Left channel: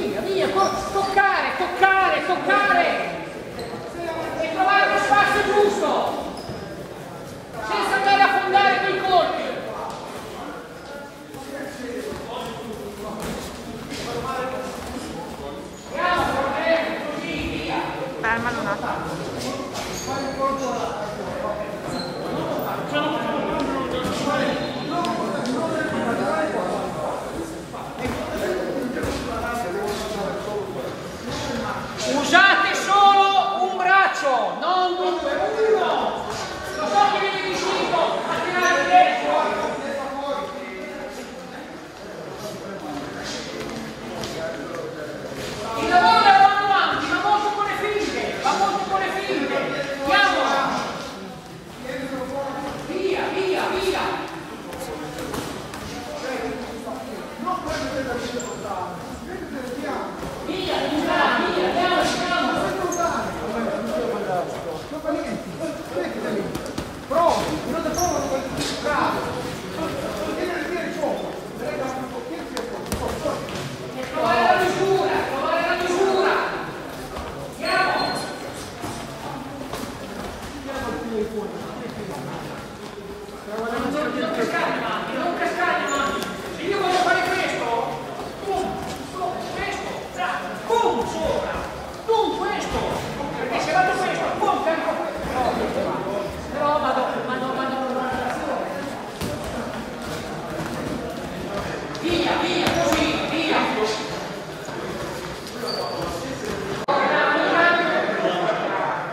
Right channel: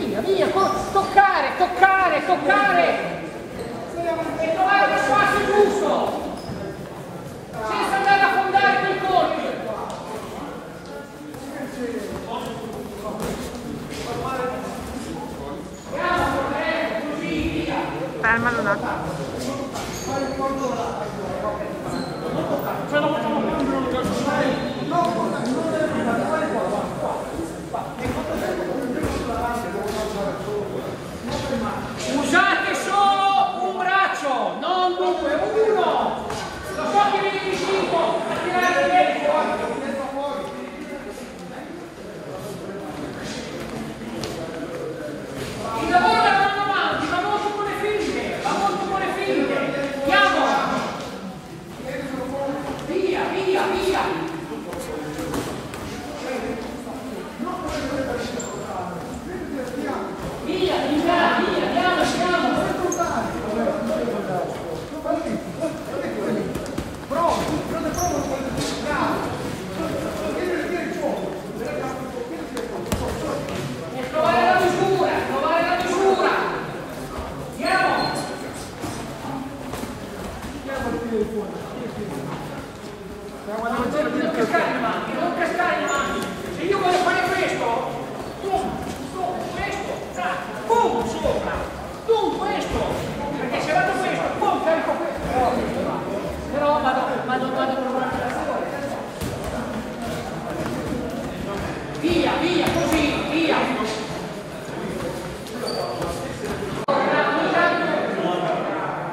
via, via, toccare, toccare, toccare e trovare lo spazio giusto senza andare a fondare quei colpi. Fermalo un attimo. Usate solo un braccio, non due, uno. Lo so che viene vicino, a tirare il destro. Il lavoro da mano avanti, va molto con le finte, va molto con le finte. Andiamo. Via, via, via. Via, via, andiamo, andiamo. E trovare la misura, trovare la misura. Andiamo. Non cascare in avanti, non cascare in avanti. Se io voglio fare questo, questo, boom, sopra, boom, questo, perché se vado questo, boom, carico questo, però vado in una direzione. Via, via, così, via.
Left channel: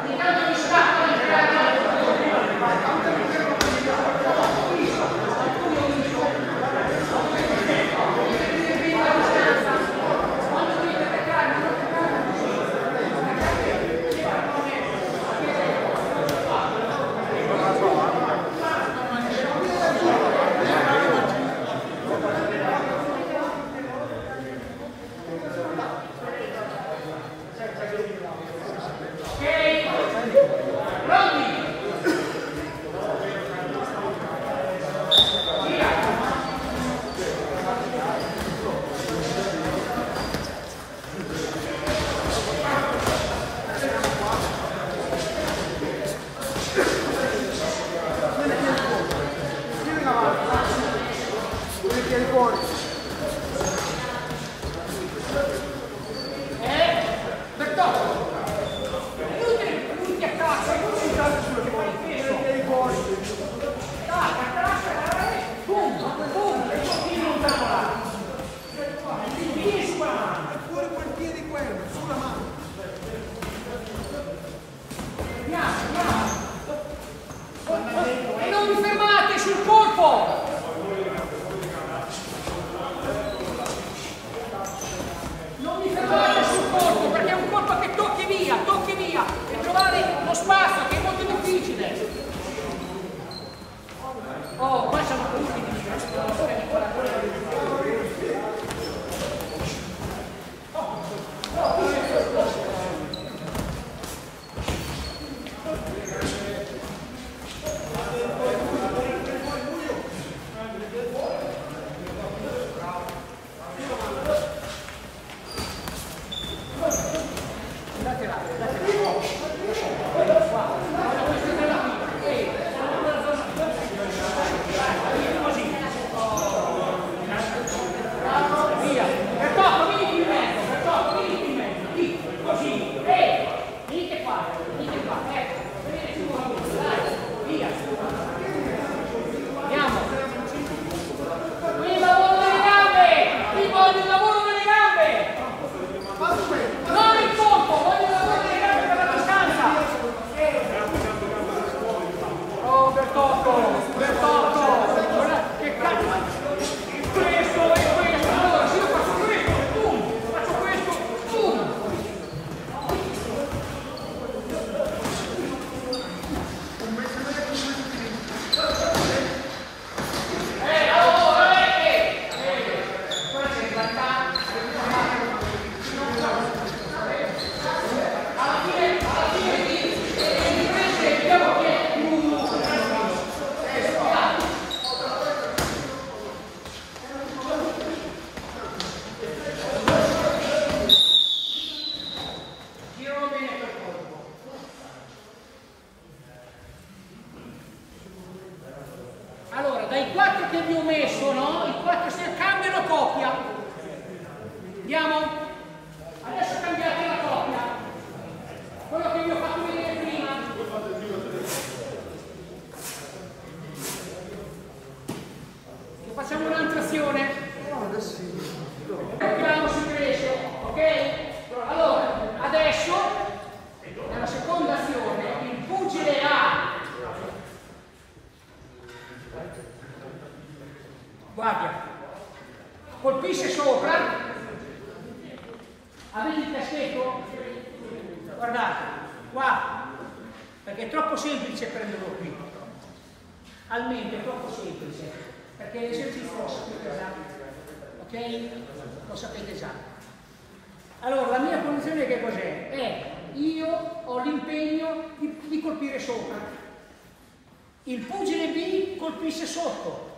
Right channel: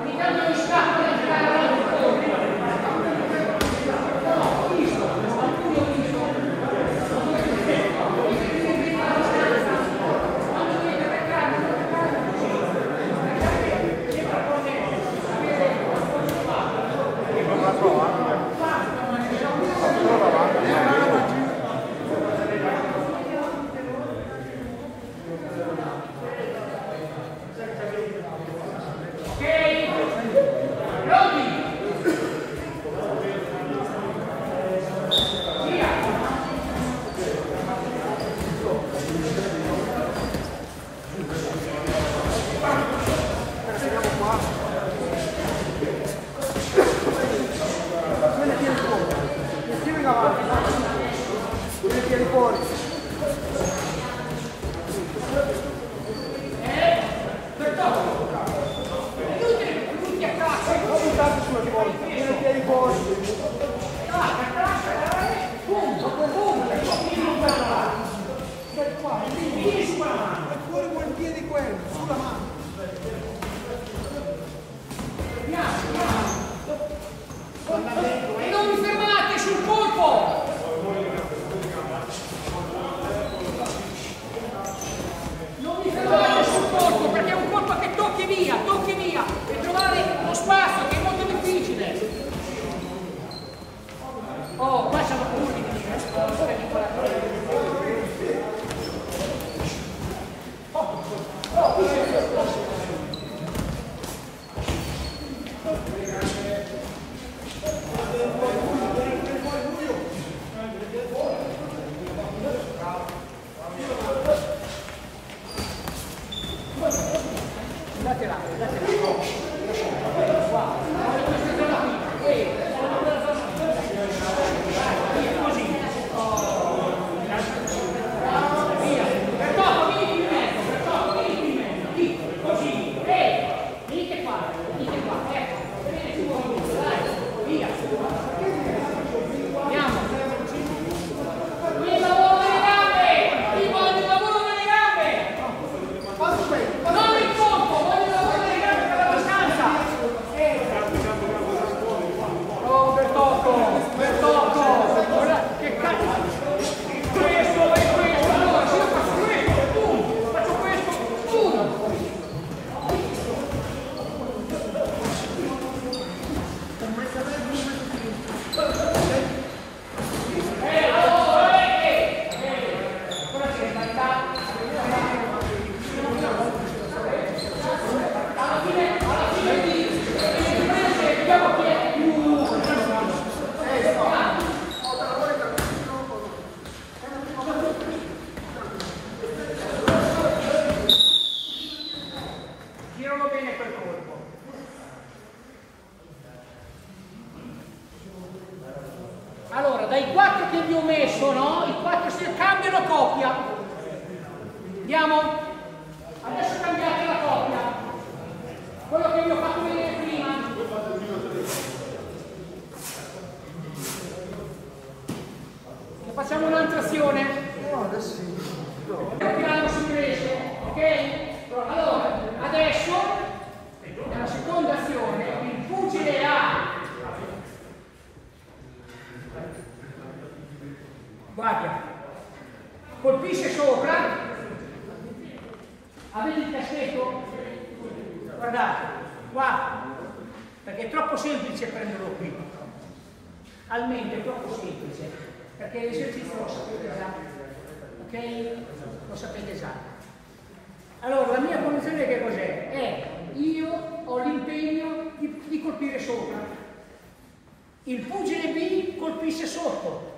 Ogni tanto mi stacco da entrare l'altro colpo. Ho visto, alcuni ho visto. Quando dovete attaccare, non attaccare. Non la so, anche. Ok? Pronti? Via! Andiamo qua. Tieni i piedi fuori. Tiri in avanti, vai. Tieni i piedi fuori. Lui ti attacca, non si dà sulle fuori peso. Tieni i piedi fuori. Boom, boom, e poi tiri lontano là. Tiri su quella mano. Fuori quel piede quello, sulla mano. Andiamo, andiamo. E non vi fermate sul colpo. Non vi fermate sul colpo perché è un colpo che tocchi via e trovare lo spazio che è molto difficile. Oh, qua siamo punti. Andate là. Qua. Questa è la fine. Così. Via. Bertotto, vieni in mezzo. Lì. Così. Venite qua. Ecco. Venite su voi. Dai. Via. Andiamo. Il lavoro delle gambe. Il lavoro delle gambe. Non il colpo, voglio il lavoro delle gambe per la distanza. Oh, Bertotto. Guarda, che cazzo. Questo. Allora, se io faccio questo, boom. Faccio questo, boom. Allora, quella c'è in realtà. che vi ho messo, no? I 4 si cambiano coppia. Andiamo? Adesso cambiate la coppia. Quello che vi ho fatto vedere prima. E facciamo un'altra azione. Piano si cresce, ok? Allora, adesso, nella seconda azione, il pugile ha. Guarda, colpisce sopra, avete il caschetto? Guardate, qua, perché è troppo semplice prenderlo qui, almeno è troppo semplice, perché l'esercizio lo sapete già, ok? Lo sapete già. Allora, la mia condizione che cos'è? Io ho l'impegno di colpire sopra, il pugile B colpisce sotto.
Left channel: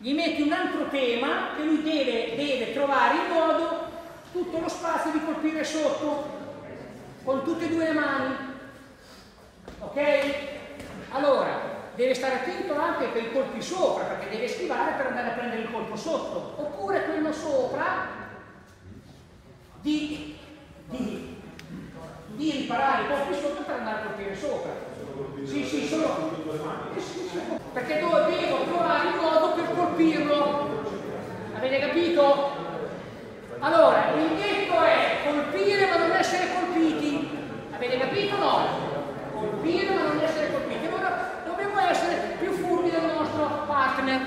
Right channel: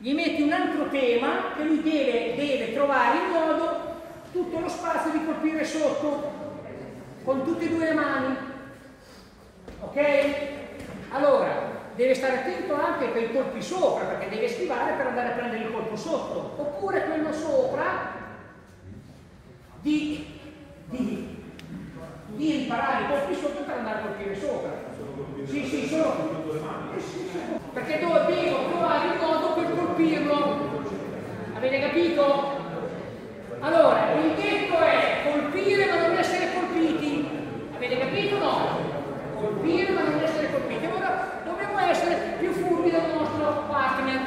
Gli metti un altro tema che lui deve trovare il modo, tutto lo spazio di colpire sotto, con tutte e due le mani. Ok? Allora, deve stare attento anche per i colpi sopra, perché deve schivare per andare a prendere il colpo sotto. Oppure quello sopra di riparare i colpi sotto per andare a colpire sopra. Sì, solo. Perché devo trovare il modo per colpirlo. Avete capito? Allora, il detto è colpire ma non essere colpiti. Avete capito o no? Colpire ma non essere colpiti. Ora dobbiamo essere più furbi del nostro partner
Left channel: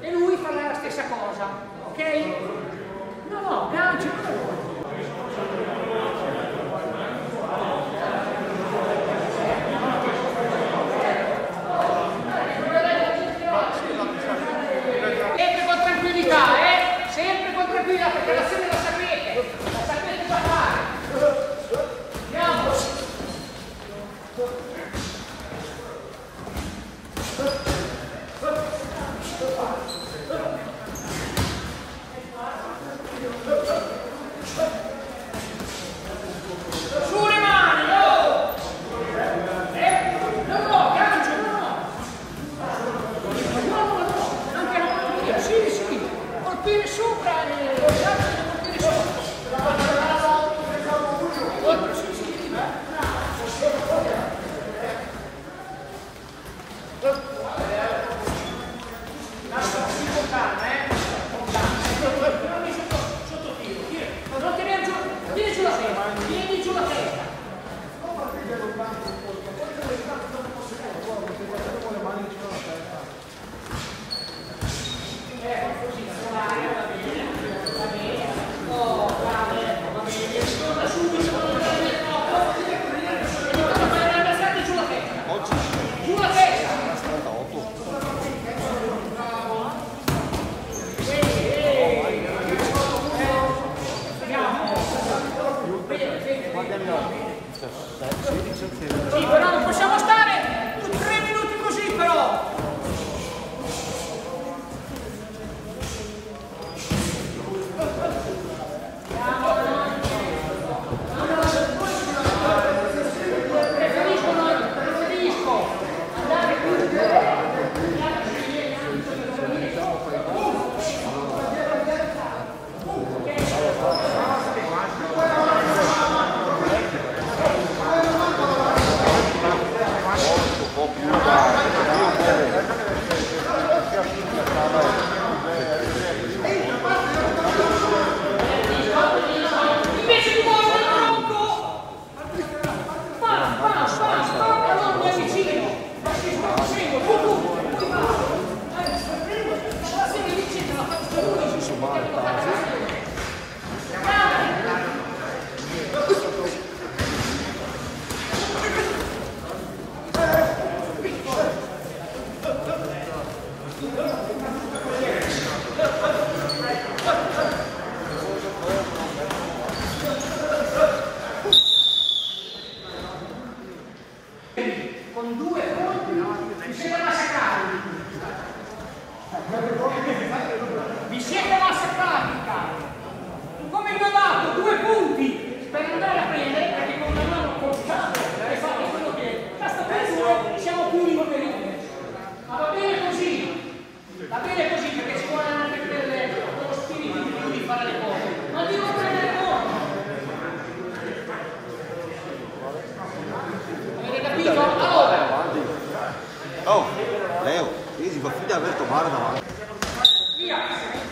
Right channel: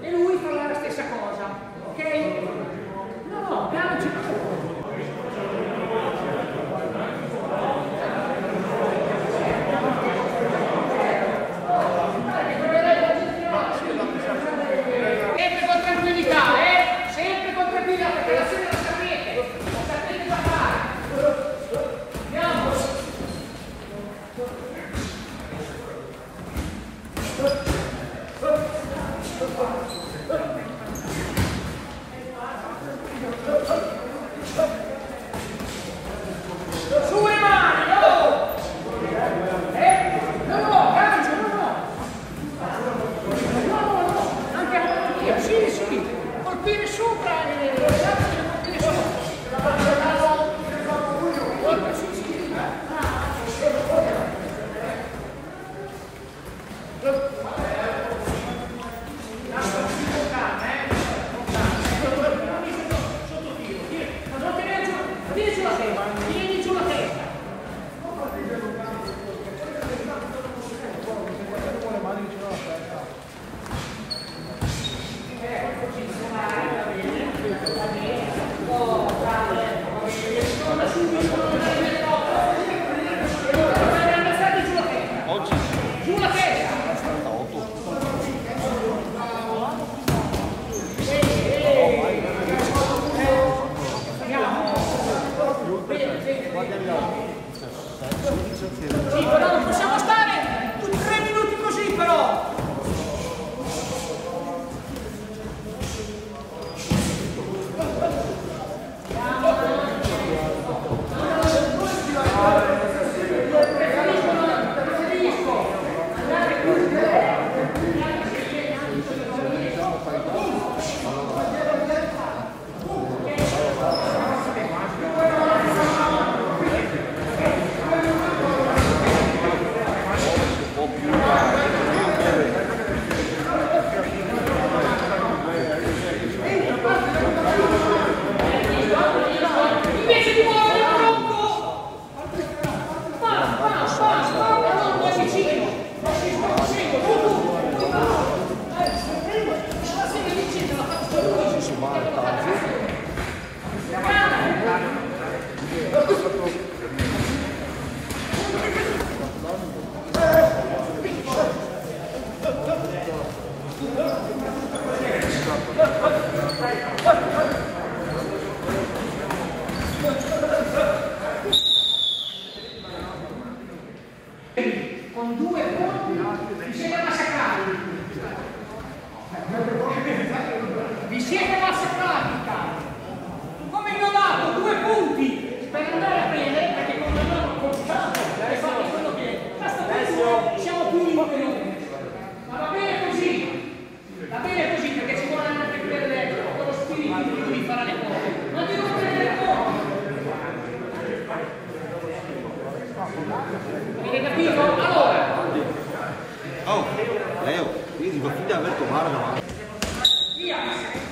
e lui farà la stessa cosa. Ok? No, ganci. Sempre con tranquillità, sempre con tranquillità, perché l'azione la sapete già fare. Andiamo. Su le mani, no! No, gancio, no. Anche la mano, sì, colpire sopra e colpire sopra. Con calma, sotto tiro, non tirare giù, tieni giù la testa, tieni giù la testa. Con le mani vicino alla testa. Così, va bene. Oh, va bene. Torna subito, alzate giù la testa. Oggi Giù la testa. 38. Sì, però non possiamo stare tutti 3 minuti così, però. Invece di muovere il tronco, allora mi avvicino, ma si seguo, tu, la serie vicina, la faccio con 2 colpi vi siete massacrati. Vi siete massacrati, cari. Come vi ho dato 2 punti per andare a prendere, perché con la mano colpata e fate quello che basta per 2, siamo più liberi. Ma va bene così. Va bene così perché ci vuole anche quello spirito di lui fare le cose. Ma di non prendere le cose. Avete capito? Allora. Oh, Leo, io ti fa finta di aver tomato davanti. Via.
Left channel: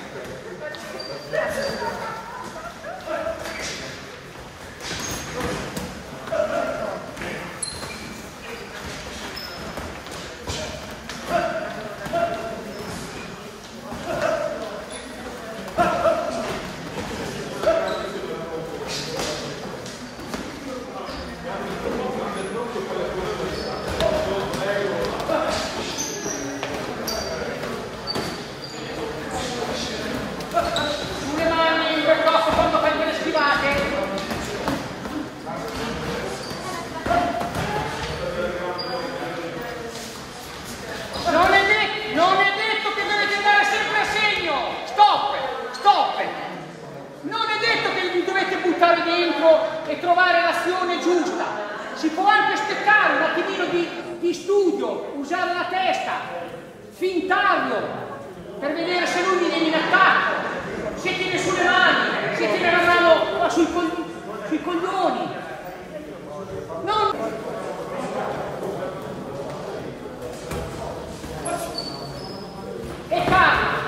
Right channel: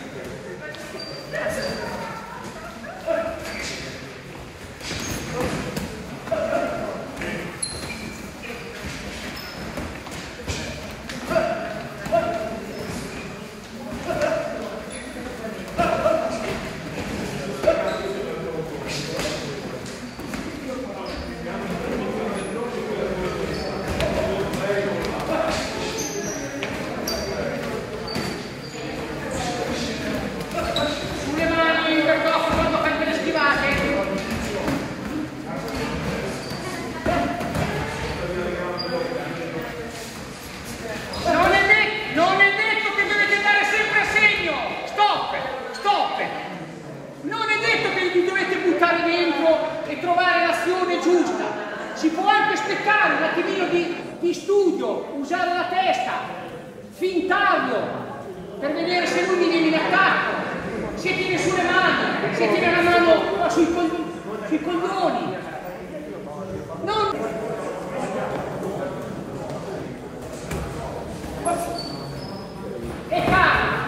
E trovare l'azione giusta. Si può anche aspettare un attimino di studio, usare la testa, fintarlo per vedere se lui mi viene in attacco, se tiene sulle mani, se tiene la mano sui coglioni. Non... E calma.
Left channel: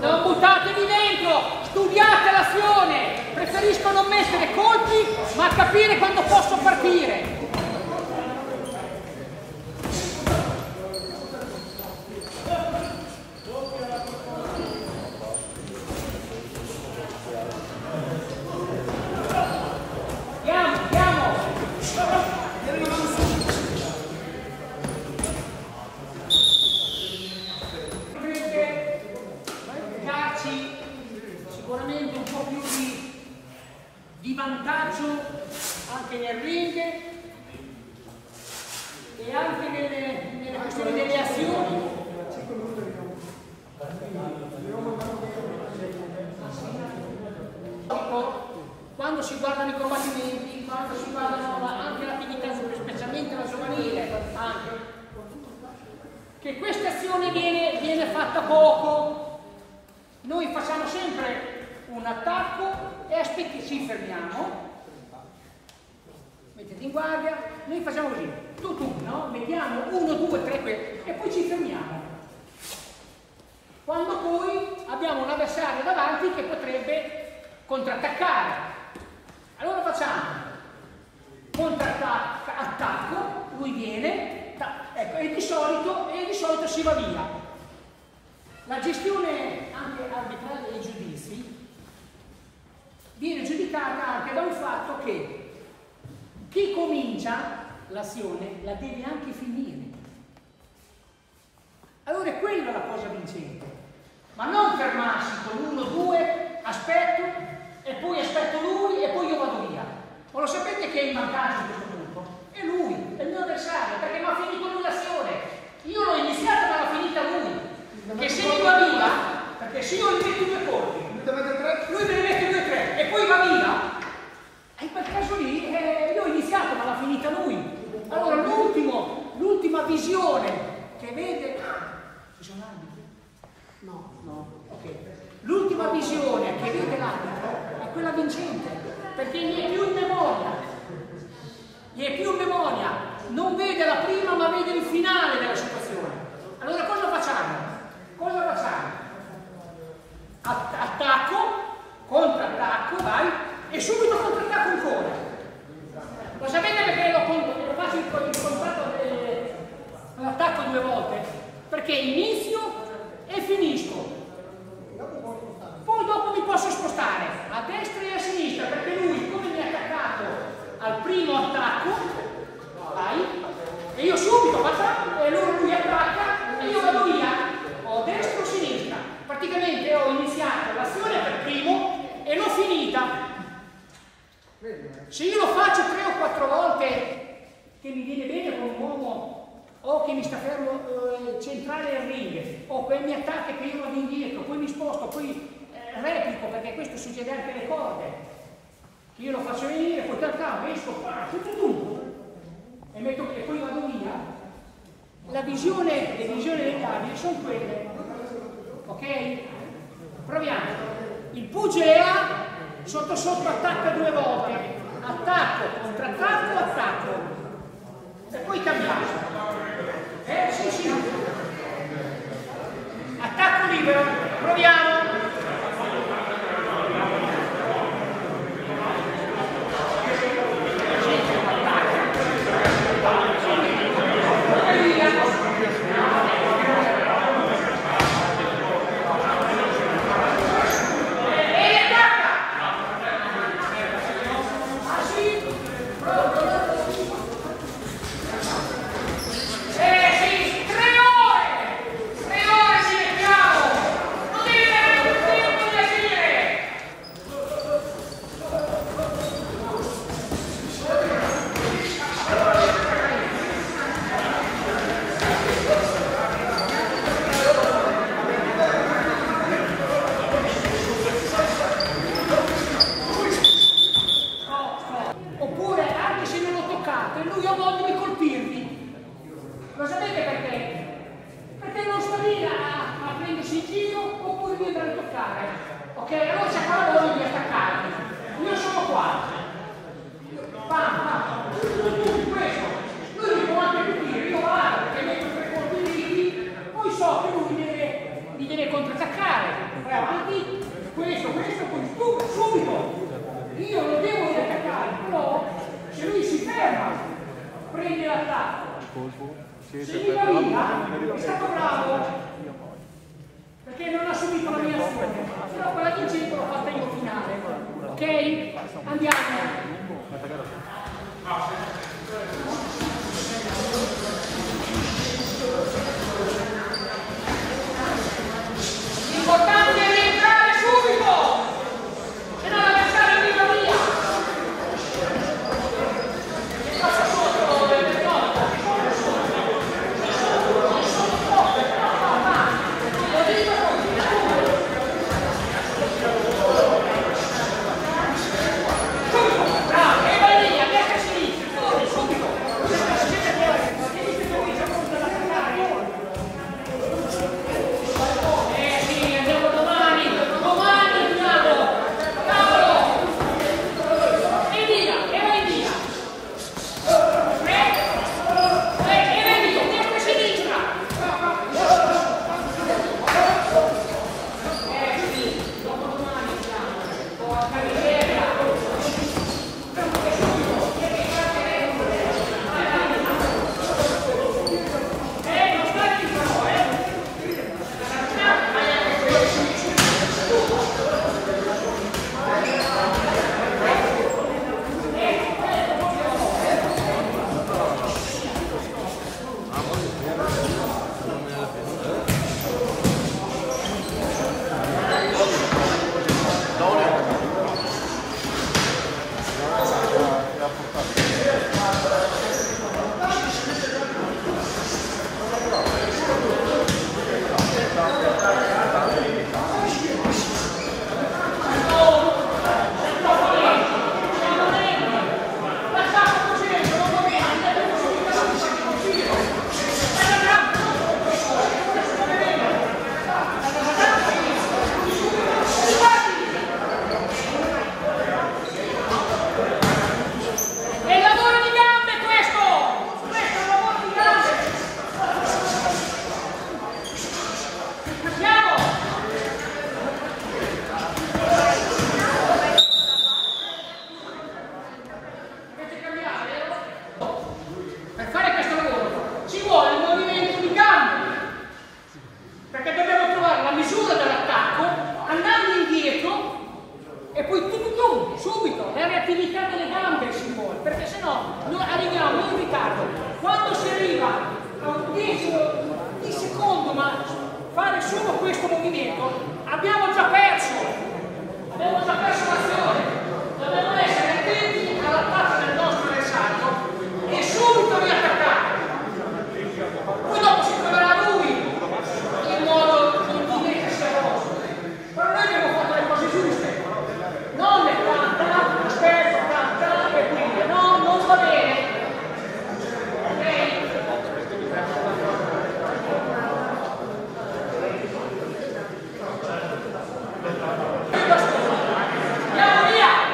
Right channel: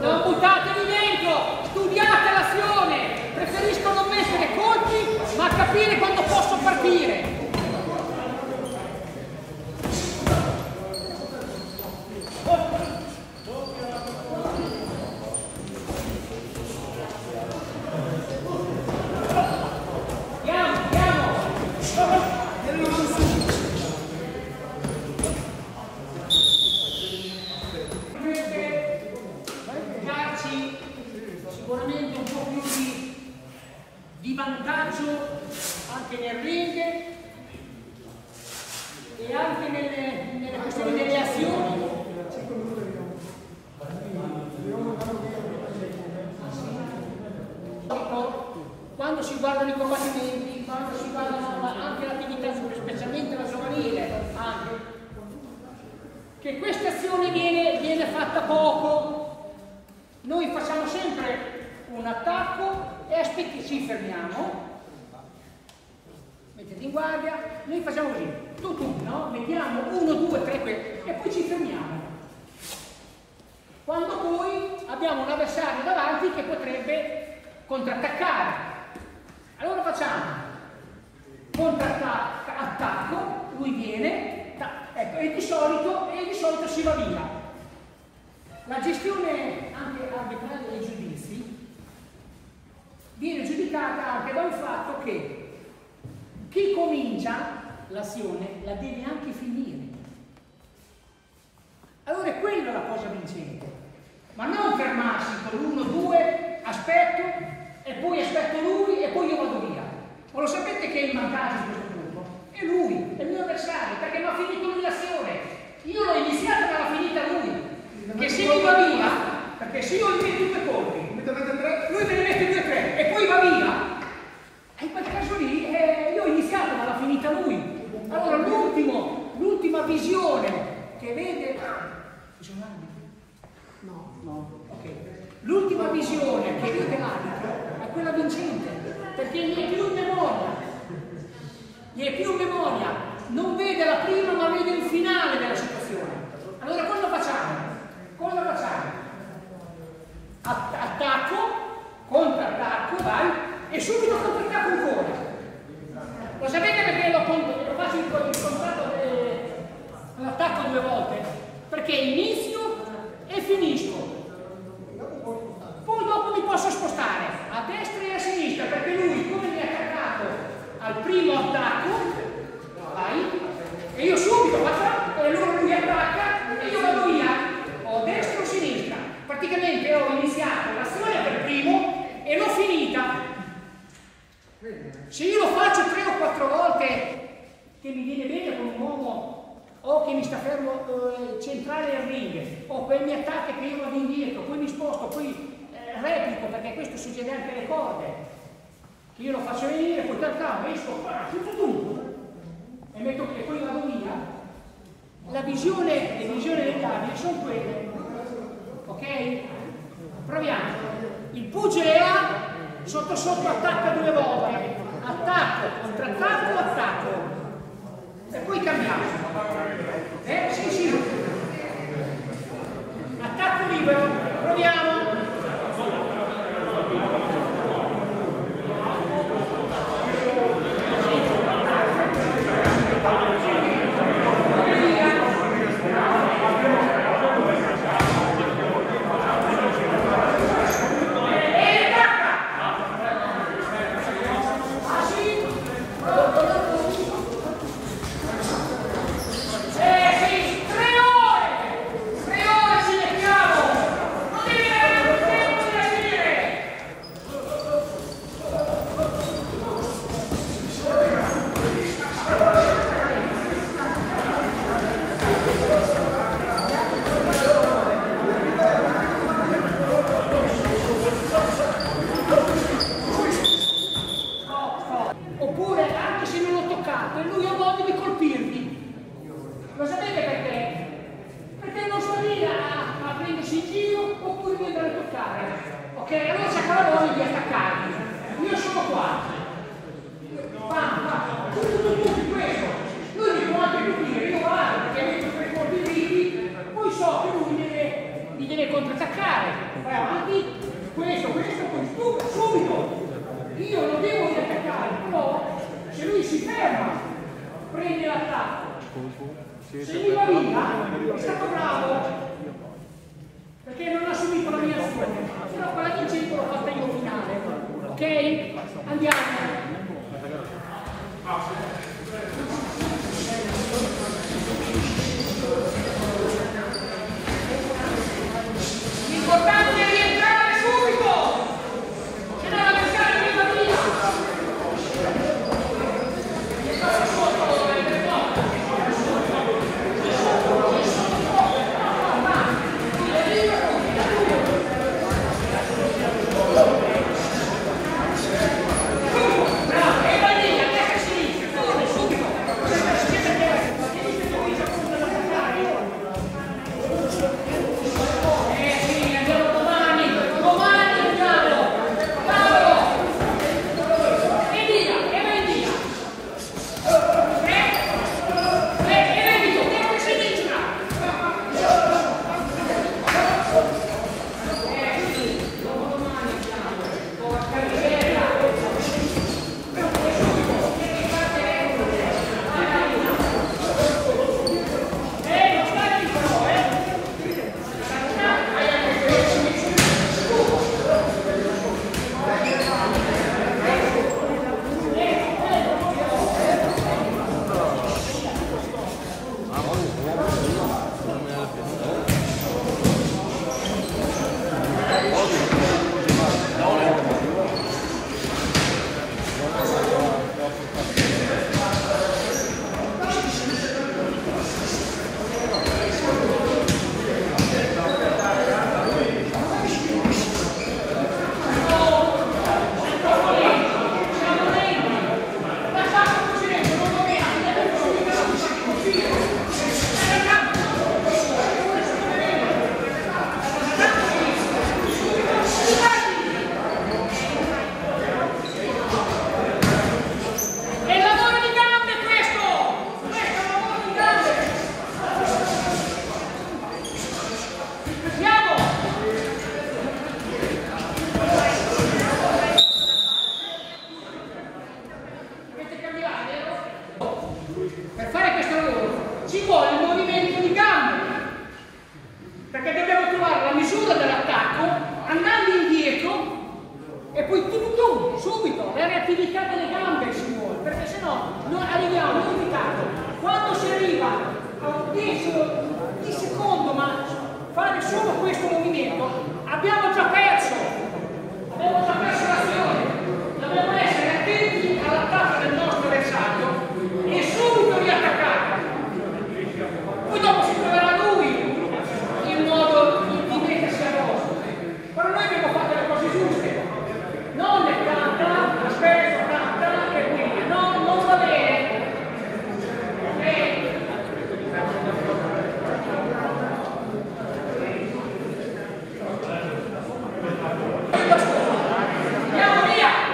Non buttatevi dentro, studiate l'azione, preferisco non mettere colpi ma capire quando posso partire. Sicuramente un po' più di vantaggio anche nel ring e anche nelle questioni delle azioni. Quando si guardano i combattimenti, quando si guardano anche l'attività, specialmente la giovanile, anche, che questa azione viene fatta poco. Noi facciamo sempre un attacco e ci fermiamo, mettete in guardia, noi facciamo così, tu, no? Mettiamo 1, 2, 3 e poi ci fermiamo. Quando poi abbiamo un avversario davanti che potrebbe contrattaccare. Allora facciamo attacco, lui viene, ecco, e di solito si va via. La gestione anche arbitrale dei giudizi viene giudicata anche da un fatto che chi comincia l'azione la deve anche finire. Allora è quella la cosa vincente, ma non fermarsi con l'1-2, aspetto e poi aspetto lui e poi io vado via. Ma lo sapete che è in vantaggio in questo punto? È lui, è il mio avversario, perché mi ha finito lui l'azione. Io l'ho iniziata ma l'ha finita lui. Che se lui va via, perché se io gli metto 2 colpi, lui me ne mette 2 o 3 e poi va via, in quel caso lì io ho iniziato ma l'ha finita lui. Allora l'ultima visione che vede... Ci sono arbitri? No. Ok. L'ultima visione che vede l'arbitro è quella vincente, perché gli è più in memoria. Non vede la prima ma vede il finale della situazione. Allora cosa facciamo? Attacco, contrattacco, vai, e subito contrattacco ancora. Lo sapete perché lo faccio il contratto l'attacco 2 volte? Perché inizio e finisco. Poi dopo mi posso spostare a destra e a sinistra, perché lui, come mi ha attaccato al primo attacco, vai, e io subito faccio, e lui attacca e io vado via, o destra o sinistra. Praticamente ho iniziato l'azione per primo e l'ho finita. Se io lo faccio 3 o 4 volte che mi viene bene con un uomo o che mi sta fermo centrale del ring, o poi mi attacca che io vado indietro, poi mi sposto, poi replico, perché questo succede anche alle corde. Io lo faccio venire, poi calcavo, esco qua, e poi vado via. Le visioni degli abili sono quelle, ok? Proviamo. Il pugile A sotto sotto attacca 2 volte, attacco, contrattacco, attacco, e poi cambiamo. Sì. Attacco libero, proviamo. E lui ha voglia di colpirvi. Lo sapete perché? Perché non sta lì a prendersi in giro oppure di andare a toccare. Ok? Allora c'è quella voglia di attaccarvi. Io sono qua. Tutti questo. Lui mi può anche colpire, io vado perché metto 3 colpi dritti, poi so che lui mi deve contrattaccare. Vai avanti, questo, poi subito. Io lo devo riattaccare, però se lui si ferma, prende l'attacco. Se mi va via, è stato bravo, perché non ha subito la mia azione. Però quella vincente l'ho fatta io finale. Ok? Andiamo. L'importante è rientrare subito, se no la pescata mi va via. E passa sotto il morto. Bravo, e vai lì, a destra e a sinistra, fuori, subito. Siete fuori, tieni che comincia a contrattaccare. Sì, andiamo domani andiamo. Cavolo. E via, e vai via. E vai via, destra e sinistra. Sì, dopodomani andiamo. Porca miseria. Non stai lì però, è il lavoro di gambe questo! Questo è un lavoro di gambe! Andiamo! Dovete cambiare, vero? Per fare questo lavoro ci vuole il movimento di gambe, perché dobbiamo trovare la misura dell'attacco andando indietro e poi subito la reattività delle gambe ci vuole, perché sennò noi arriviamo in ritardo. Quando si arriva a un decimo di secondo, ma fare solo questo movimento, abbiamo già perso l'azione. Dobbiamo essere attenti all'attacco del nostro avversario e subito riattaccare. Poi dopo si troverà lui il modo di mettersi a posto. Però noi abbiamo fatto le cose giuste. Non le tanta, aspetta, tanta e quindi no, non va bene. Andiamo via!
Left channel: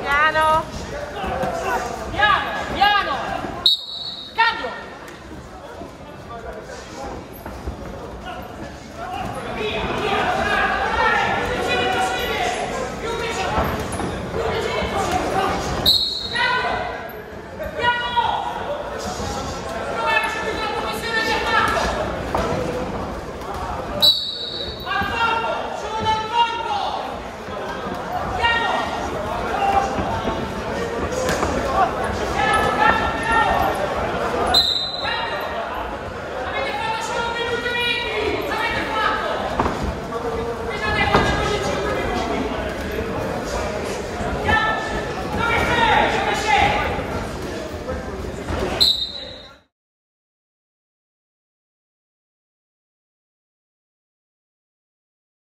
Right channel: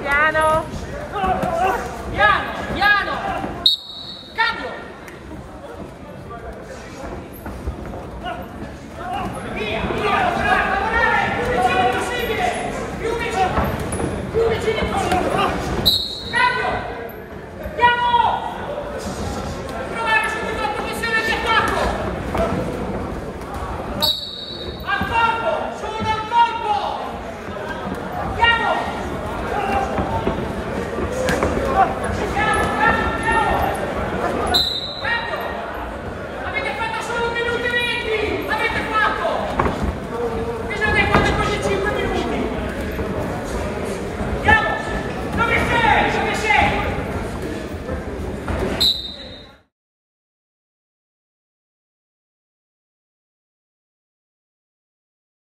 Piano.